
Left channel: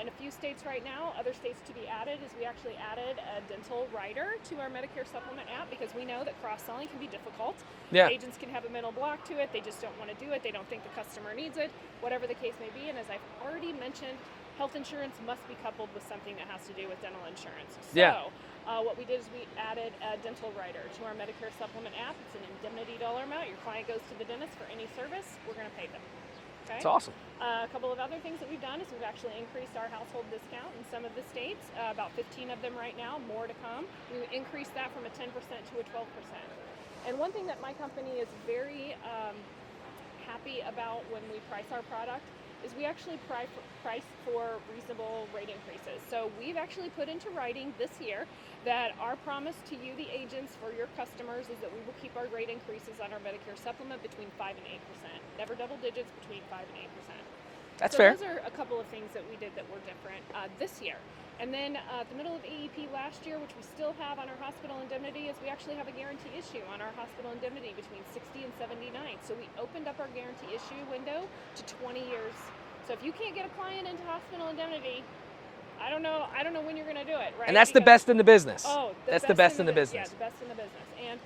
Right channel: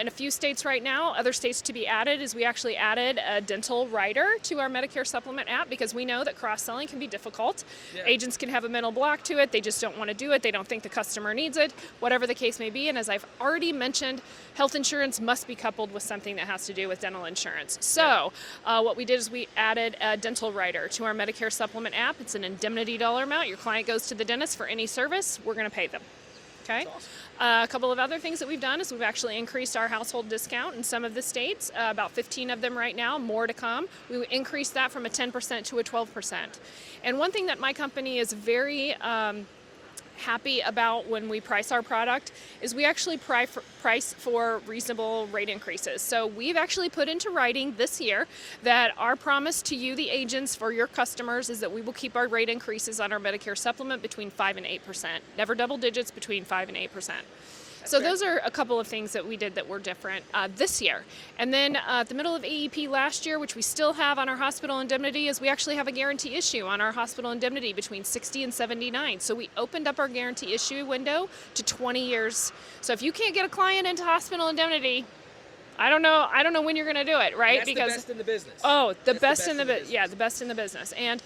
in a few states right now, other states to be added, is we actually added a dental rider to our Medicare supplement app because we know that cross-selling can be difficult. Yeah. Agents can have a mental block to it. They just don't want to do it. They don't think the customer needs it, whatever the case may be. And as I've already mentioned, health insurance must be coupled with something that has to do with dental insurance. So what we did is we added a dental rider to our Medicare supplement app. It's an indemnity dollar amount. Your client goes to the dentist for any service, we're going to pay them. Okay. That's awesome. A couple of other things that we've done is we've actually increased our household discount in some of the states, about 15 of them right now, more to come. We increased that from a 10% to a 12%. And one thing that my company is very happy about when we price our product is we actually price for reasonable rate increases. So we've actually put into writing this year that our promise to you, the agents, for your customers, is that we will keep our rate increases on our Medicare supplement between 5 and 8%. Never double digits, between 5 and 8%. That's so fair. those are a couple of things that we did that were different this year. And then at the middle of AEP last year, which we still have on our hospital indemnity, is we actually have a guarantee issue on our hospital indemnity between 60 and 79. So we opened up our guarantee issue window to 20 years. So if you can't get a client into hospital indemnity, I don't know when you're going to do it, right? And that's the best in the business. Oh, That's the best in the business. Yeah, the best in the business. And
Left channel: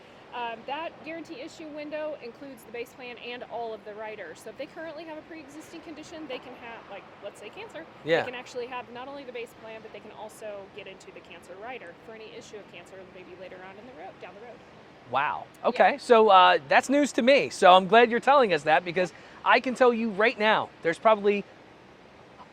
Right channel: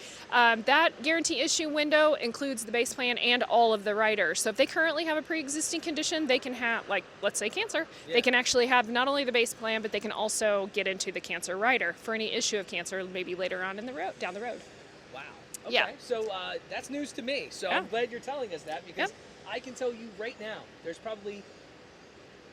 that guarantee issue window includes the base plan and all of the riders. So if they currently have a pre-existing condition, they can have, like, let's say cancer, Yeah. they can actually have not only the base plan, but they can also get into the cancer rider for any issue of cancer maybe later on down the road. Wow. Okay. So that's news to me. So I'm glad you're telling us that, because I can tell you right now, there's probably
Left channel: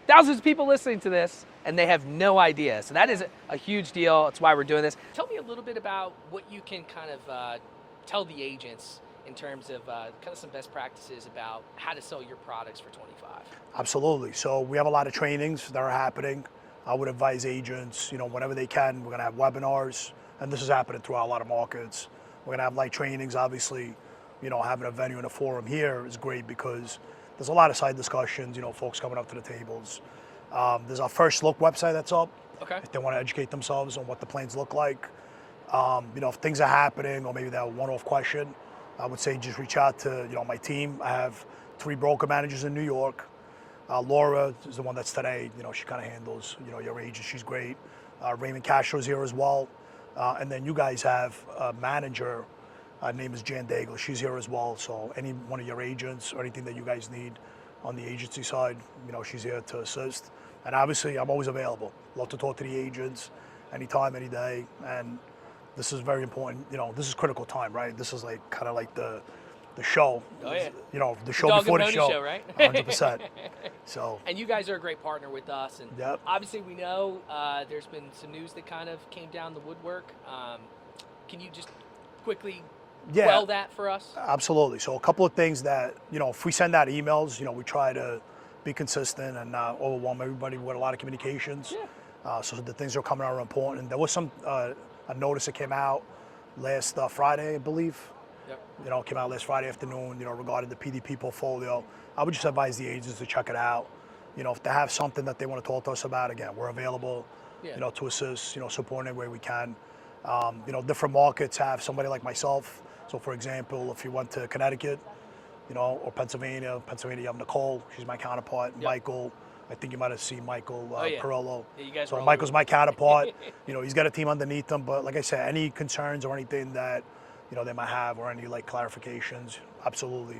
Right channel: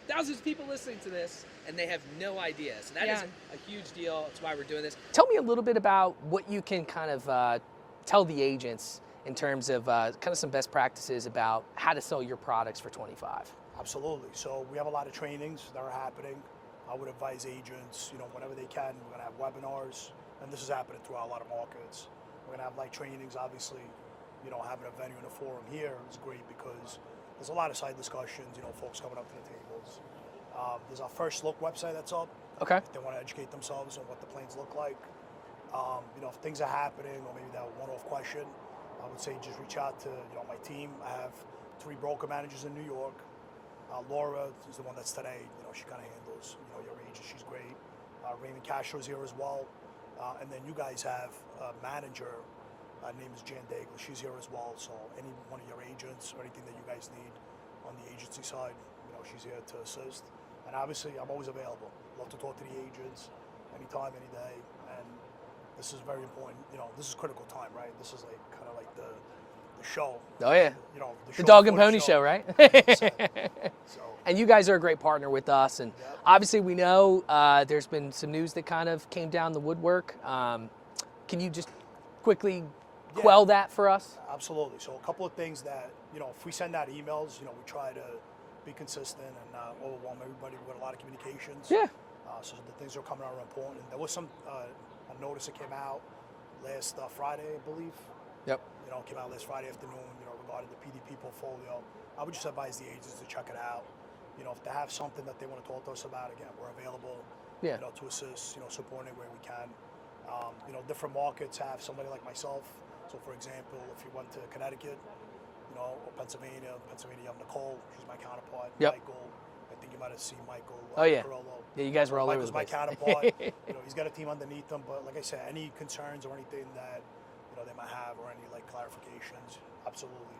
thousands of people listening to this and they have no idea. So that is a huge deal. That's why we're doing this. Tell me a little bit about what you can kind of tell the agents in terms of kind of some best practices about how to sell your products for 25. Absolutely. So we have a lot of trainings that are happening. I would advise agents, whenever they can, we're going to have webinars, and this is happening throughout a lot of markets. We're going to have light trainings, obviously, having a venue and a forum here is great because there's a lot of side discussions, folks coming up to the tables. There's our First Look website that's up. Okay. If they want to educate themselves on what the plans look like. If things are happening or maybe they have a one-off question, I would say just reach out to, my team. I have 3 broker managers in New York. Laura is the one that's today, she kind of handles, your agent. She's great. Raymond Castro's here as well. And then you guys have a manager. Her name is Jan Daigle. She's here as well. So any one of your agents or anything that you guys need on the agency side, she's here to assist. And obviously, I'm always available. Love to talk to the agents anytime, any day. And this is very important. This is critical time, right? This is kind of like the show. Oh yeah. The show Dog before and the Pony show. show, right? 100%. So. And you guys are a great partner with us. And Yep. obviously, we know there's been some news that kind of came down the woodwork. Can you just quickly quell that for us? Absolutely. So a couple of things that, if we send out emails, we try to be consistent and not overwhelm everybody with a lot of communications. Yeah. So the things that are coming out are important. There was some a notice that came out last Friday, I believe. Yep. Came out last Friday afternoon, regarding the PDP portfolio. I would just advise the agents to check it out. If they have something that they want to talk to us about, again, we're available, to assist, support any way we can. Different markets have somebody like myself. So for example, if you went to Connecticut, or Pennsylvania, you have Nicole, she's my counterpart. Yep. Michael, I think you might have seen Michael Perillo. Yeah, you guys were all Michael's over my the place. counterpart. He's got a team underneath him, but like I said, any concerns or anything that, they might have or any clarifications, absolutely,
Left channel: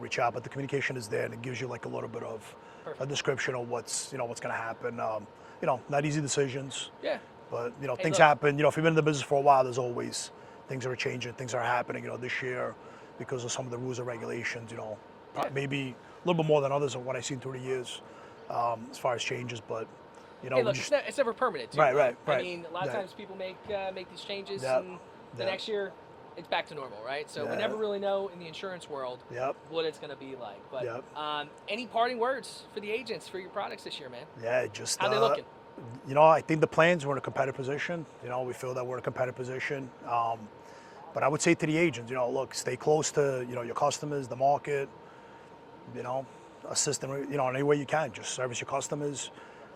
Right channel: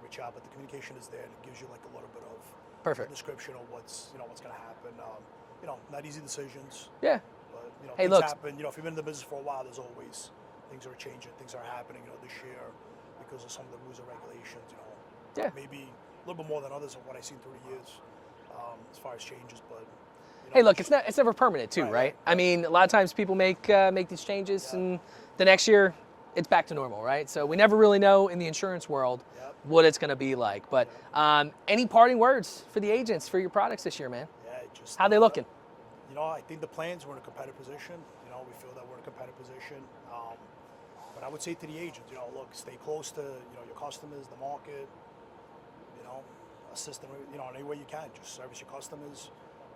reach out. But the communication is there and it gives you a little bit of a description of what's going to happen. Not easy decisions. Yeah. But, Hey, things look. happen. If you've been in the business for a while, there's always things that are changing, things are happening, this year because of some of the rules and regulations, maybe a little bit more than others of what I've seen through the years as far as changes, but, Hey, look, it's never permanent too, right? Right. I mean, a lot of times people make these changes and the next year it's back to normal, right? So we never really know in the insurance world what it's going to be like. But any parting words for the agents for your products this year, man? Yeah, just how they looking? I think the plans, we're in a competitive position. We feel that we're in a competitive position. But I would say to the agents, look, stay close to, your customers, the market, assist them, in any way you can. Just service your customers.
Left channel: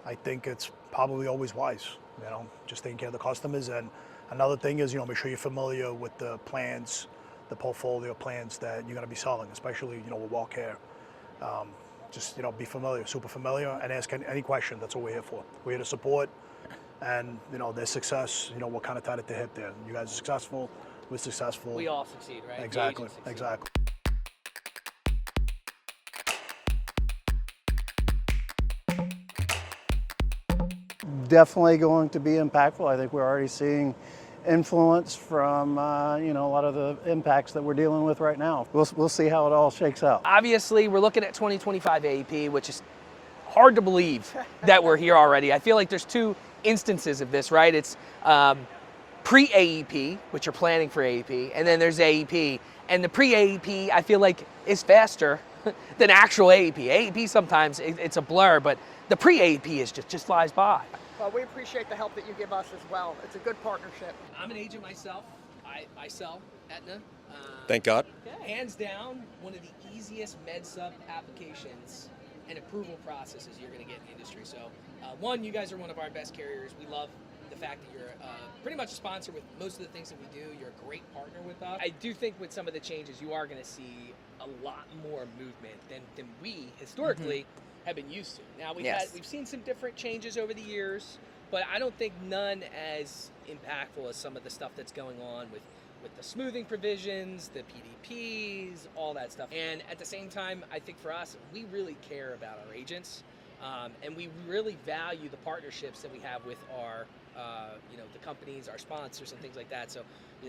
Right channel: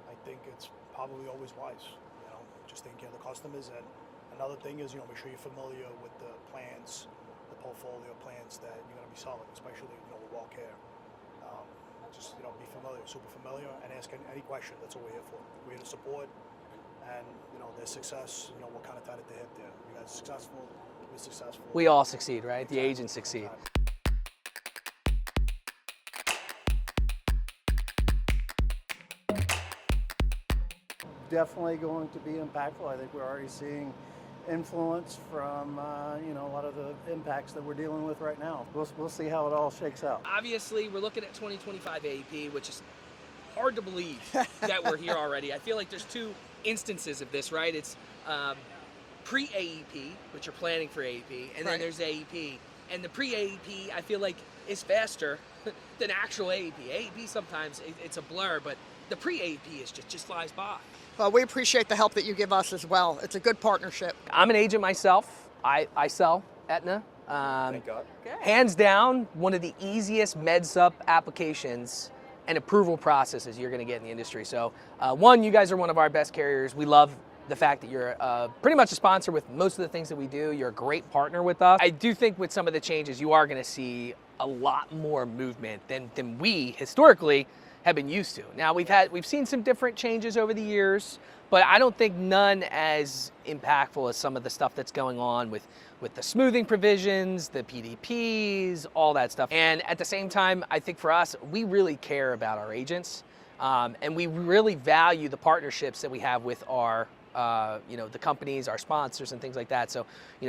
I think it's probably always wise, just taking care of the customers. And another thing is, make sure you're familiar with the plans, the portfolio plans that you're going to be selling, especially, with WellCare. Just, be familiar, super familiar, and ask any question. That's what we're here for. We're here to support, and, their success, what kind of time to hit there. You guys are successful, we're successful. We all succeed, right? Exactly. The agents succeed. Exactly. Definitely going to be impactful. I think we're already seeing influence from a lot of the impacts that we're dealing with right now. We'll see how it all shakes out. Obviously, we're looking at 2025 AEP, which is hard to believe that we're here already. I feel like there's 2 instances of this, right? It's pre-AEP, which you're planning for AEP, and then there's AEP. And the pre-AEP, I feel like, is faster than actual AEP. AEP sometimes it's a blur, but the pre-AEP is just flies by. Well, we appreciate the help that you give us as well. It's a good partnership. I'm an agent myself. I sell Aetna. Thank God. Hands down, one of the easiest MedSup applications and approval processes you're going to get in the industry. So one, you guys are one of our best carriers. We love the fact that you're pretty much a sponsor with most of the things that we do. You're a great partner with us. I do think with some of the changes, you are going to see a lot more movement than we historically have been used to. Now we've seen some different changes over the years, but I don't think none as impactful as some of the stuff that's going on with the smoothing provisions, the PDPs, all that stuff. And at the same time, I think for us, we really care about our agents, and we really value the partnerships that we have with our the companies, our sponsors, and things like that. So,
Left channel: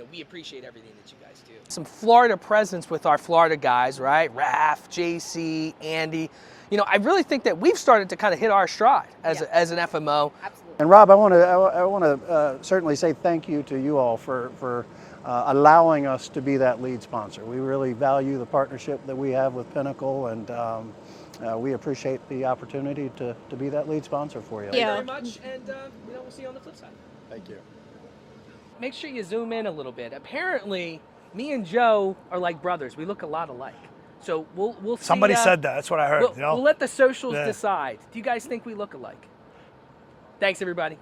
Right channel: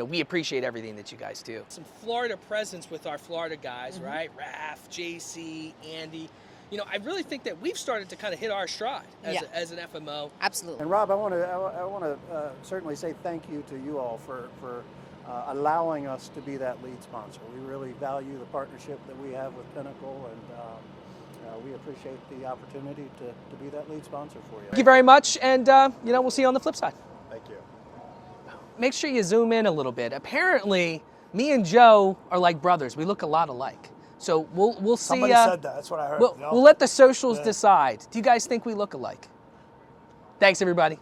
we appreciate everything that you guys do. Some Florida presence with our Florida guys, right? Raf, JC, Andy. I really think that we've started to kind of hit our stride as an FMO. Absolutely. And Rob, I want to certainly say thank you to you all for allowing us to be that lead sponsor. We really value the partnership that we have with Pinnacle, and we appreciate the opportunity to be that lead sponsor for you. Thank you very much, and we'll see you on the flip side. Thank you. Make sure you zoom in a little bit. Apparently, me and Joe are like brothers. We look a lot alike. So we'll see. Somebody said that. That's what I heard. We'll let the socials decide. Do you guys think we look alike? Thanks, everybody.